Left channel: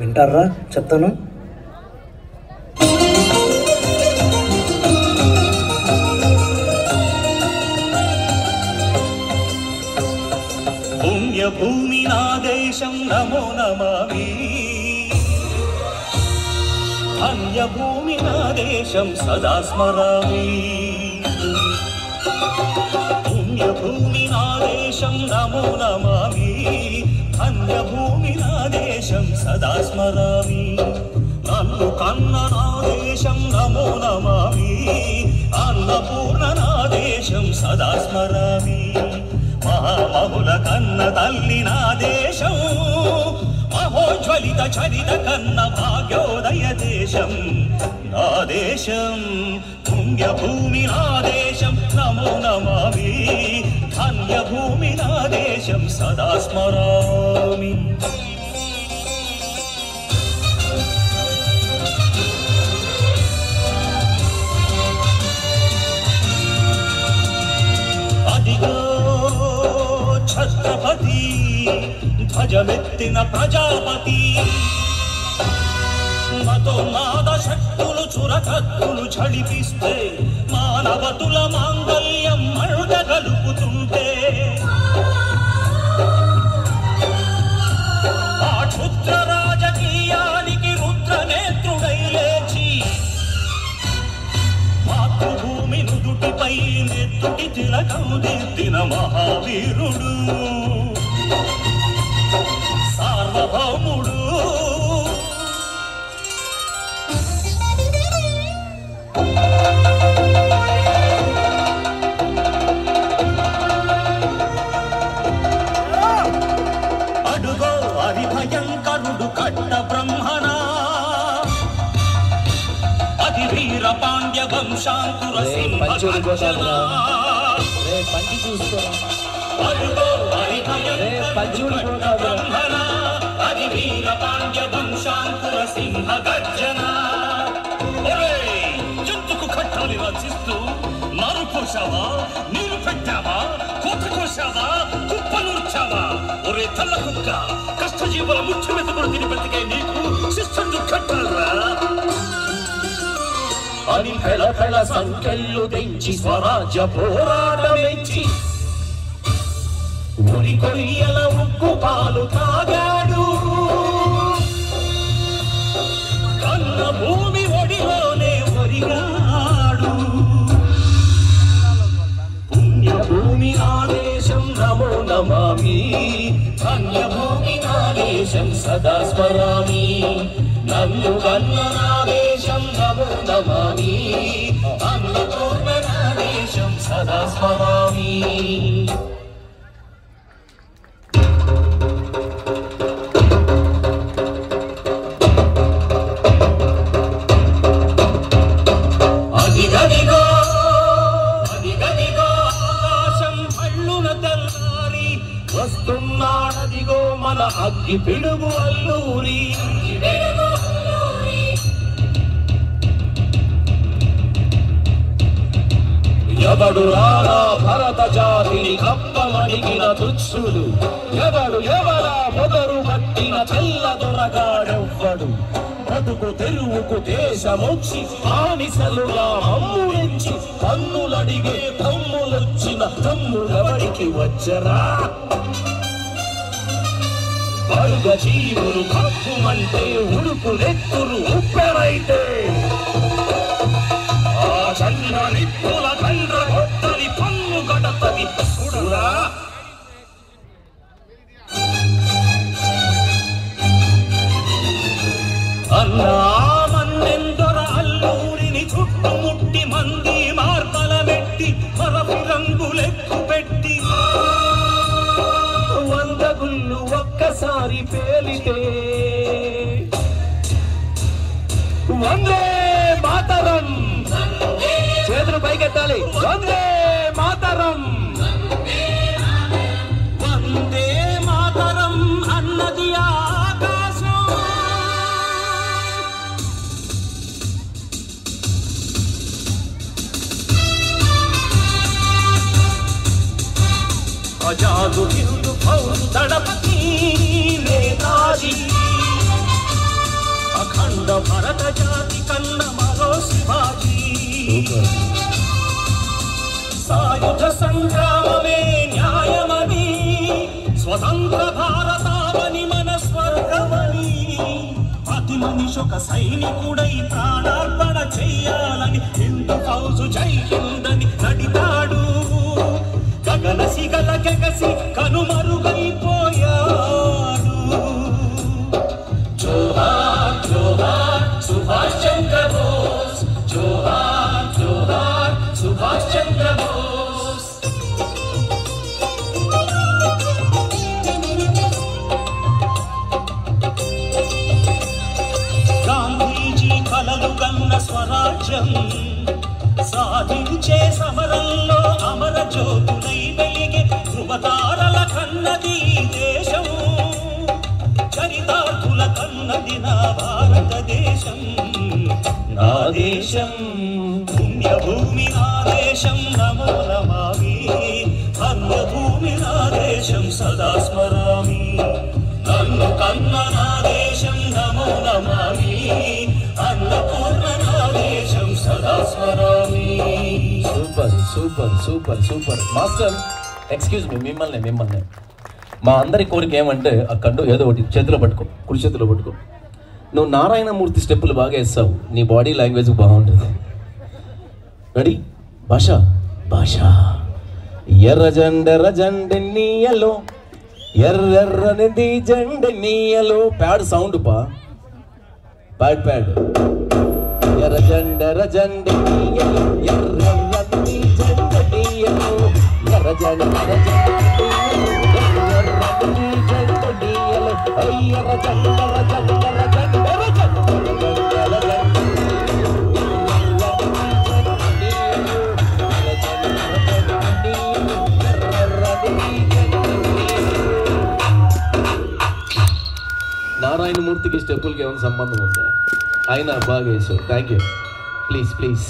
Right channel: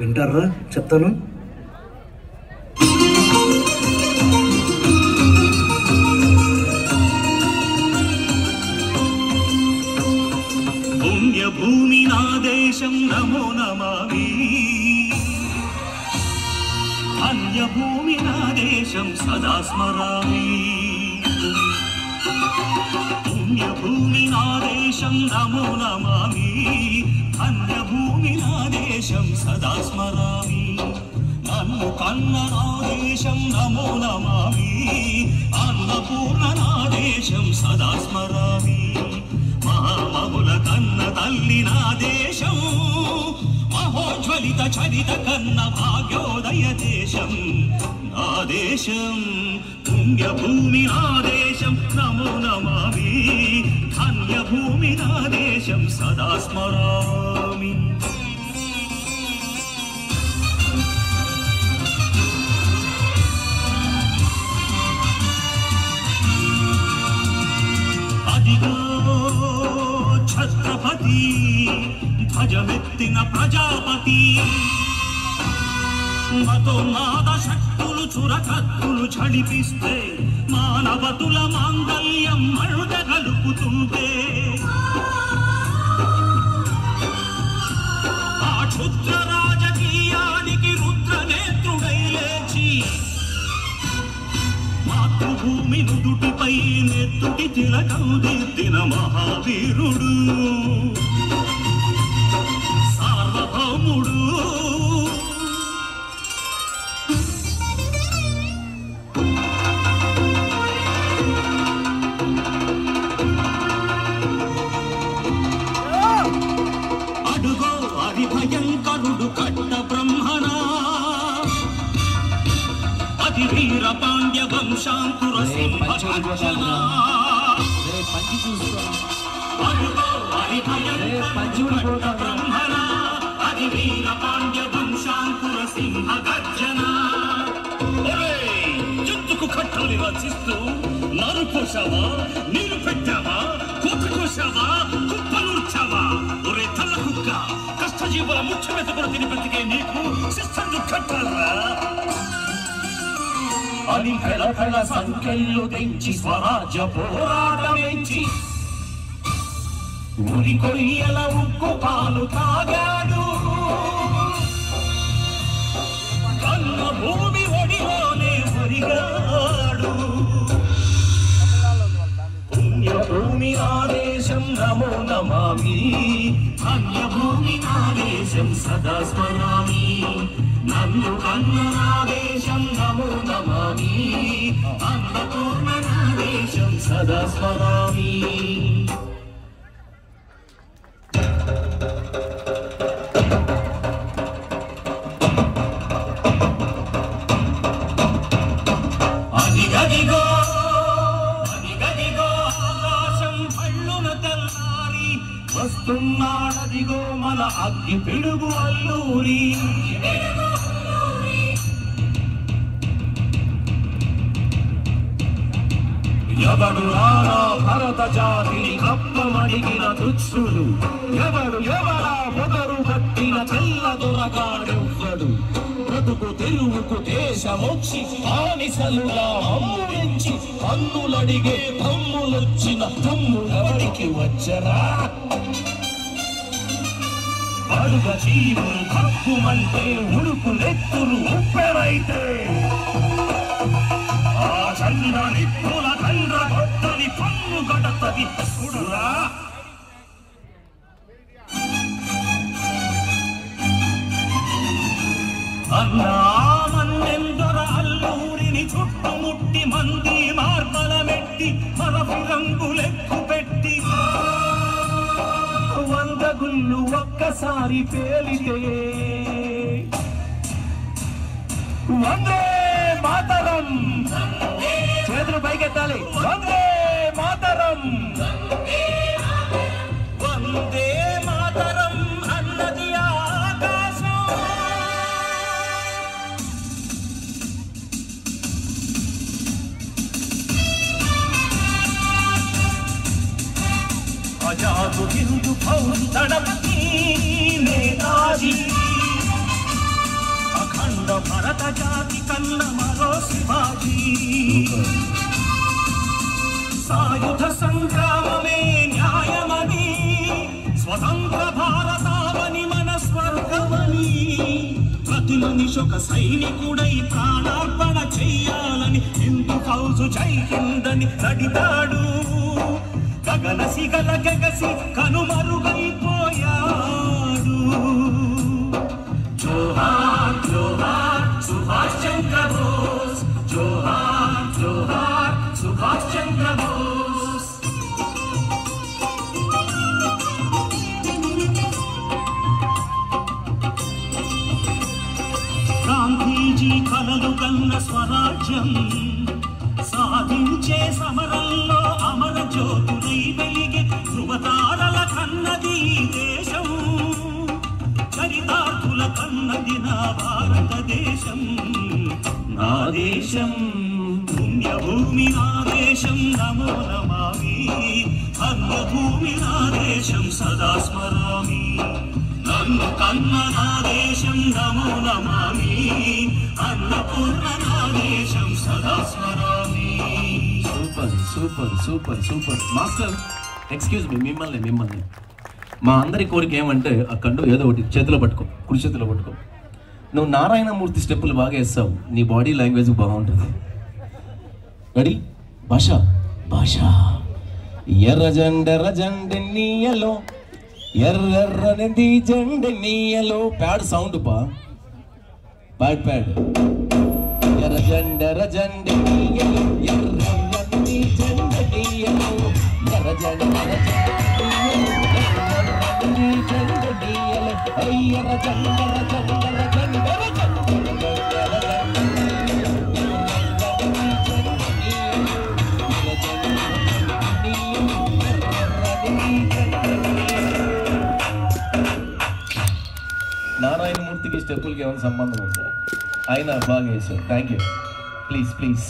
వింటారా చెప్తాను. పుణ్యభూమి నా దేశం నమో నమామి, అన్యభూమి నా దేశం సదా స్మరామి. పుణ్యభూమి నా దేశం నమో నమామి, అన్యభూమి నా దేశం సదా స్మరామి. నన్ను కన్న నా దేశం నమో నమామి, అన్నపూర్ణ నా దేశం సదా స్మరామి. మహామహుల కన్న తల్లి నా దేశం, మహోజ్వలిత చరిత కన్న భాగ్యోదయ దేశం నా దేశం. పుణ్యభూమి నా దేశం నమో నమామి, ధన్యభూమి నా దేశం సదా స్మరామి. అదిగో ఛత్రపతి ధ్వజమెత్తిన ప్రజాపతి, మతోన్మాద శక్తులు చురకత్తులు చడిపిస్తే, మానవతుల మాంగల్యం మరుడ గలుపుతుంటే, ఆ క్షుద్ర రాజకీయానికి రుద్రనేత్రుడై లేచి, మాతృభూమి నుదుటిపై నెత్తుటి తిలకం దిద్దిన మహావీరుడు, సార్వభౌముడు. అడుగో హరిభయంకరుడు కట్ట బ్రహ్మణా, అతి వీర పాండ్య వంశాంకుర సింహగర్జన. అడుగో హరిభయంకరుడు కట్ట బ్రహ్మణా, అతి వీర పాండ్య వంశాంకుర సింహగర్జన. ఎందుకు కట్టాలి రచిస్తూ నరు కోసావా, నీరు పెట్టావా, కోత కోసావా, కుప్పనూర్చావా? ఒరే తెల్ల కుక్క, కష్టజీవుల ముఖ్య మెతపడు తిని బ్రతికే నీకు శిస్తు కట్టాలరా అని ఫెల ఫెల సంకెళ్ళు తెంచి స్వరాజ్య పోరాటమెంచి ఉరి కొయ్యల ఉక్కు పాలు తాగాడు. కన్న భూమి ఒడిలోనే ఒరిగాడు. పుణ్యభూమి నా దేశం నమో నమామి, ధన్యభూమి నా దేశం సదా స్మరామి. నన్ను కన్న నా దేశం నమో నమామి, అన్నపూర్ణ నా దేశం సదా స్మరామి. అదిగదిగో అదిగదిగో ఆకాశం భళ్ళున తెల్లారి వస్తున్నాడదిగో మన అగ్గి పిడుగు అల్లూరి. ఎవడు రానా భరత జాతిని కప్పమడిగిన తుచ్చుడు, ఎవడు ఎవడా పొదరు పట్టిన తెల్ల దొరగాడెవ్వడు. బ్రతుకు తెరువుకు దేశమొచ్చి బానిసలుగా అమ్ముడించి పన్నులడిగే తమ్ములొచ్చిన తమ్ములవడికి వచ్చరా? వర్గ జీవులు కప్పుమంటే ఉడుకులెత్తులు ఉప్పెరైతే, ఆ చంద్రనిప్పుల తండ్ర కొత్తని పన్ను గడపది చూడరా? అన్నా మన్నెందొర అల్లూరిని చుట్టుముట్టి మంది మార్తల పెట్టి మరపి రంగులెక్కు పెట్టి 100 గుళ్ళు ఒక్కసారి పేలితే వందే మాతరం చేతులు పైకెత్తాలి. వందే మాతరం, వందే మాతరం అన్నది ఆకాశం. అజాదు హిందు దళపతి నేతాజీ ఆంధ్ర భరత జాతి కన్న మరో శివాజీ సాయుధ సంగ్రామమే న్యాయమని స్వతంత్ర భారతావని మన స్వర్గమని ప్రతి మనిషి ఒక సైనికుడై ప్రాణార్పణ చెయ్యాలని హిందూ ఫౌజు జై హిందని నడిపాడు గగన సిగల గగసి కనుమరుగైపోయాడు జోహార్ జోహార్ సుభాష్ చంద్ర బోస్ జోహార్ జోహార్ సుభాష్ చంద్ర బోస్ గాంధీజీ కలలు గన్న స్వరాజ్యం సాధించే సమరంలో అమర జ్యోతులై వెలిగే ధృవతారల కన్నది దేశం చరితార్థుల కన్నది నా భారతదేశం నా దేశం పుణ్యభూమి నా దేశం నమో నమామి ధన్యభూమి నా దేశం సదా స్మరామి నన్ను కన్న నా దేశం నమో నమామి అన్నపూర్ణ నా దేశం సదా స్మరామి super super super super master excuse me మిమ్మల్ని మా అందరి కోరిక ఏమంటే ఆ కండు ఏదో ఒకటి చేతిలో పట్టుకో కుడి చేతిలో పట్టుకో నువ్వు నారాయణమూర్తి స్టెప్పులు బాగా వేస్తావు నీ బాడీ లాంగ్వేజ్ బాగుంటుంది రెడీ భాష భాష ఎర్ర జెండె నీయలో ఎర్రనిది జెండె నీయలో ప్యాడ్ సౌండ్ పా ప్యాడ్ ఎర్ర జెండె నీయలో ఎర్రనిది జెండె నీయలో ఎర్ర జెండె నారాయణమూర్తికి స్టెప్పులకి ఏమైనా సంబంధం ఉందా ఆయన బాగా వేసావు థ్యాంక్ యూ ప్లీజ్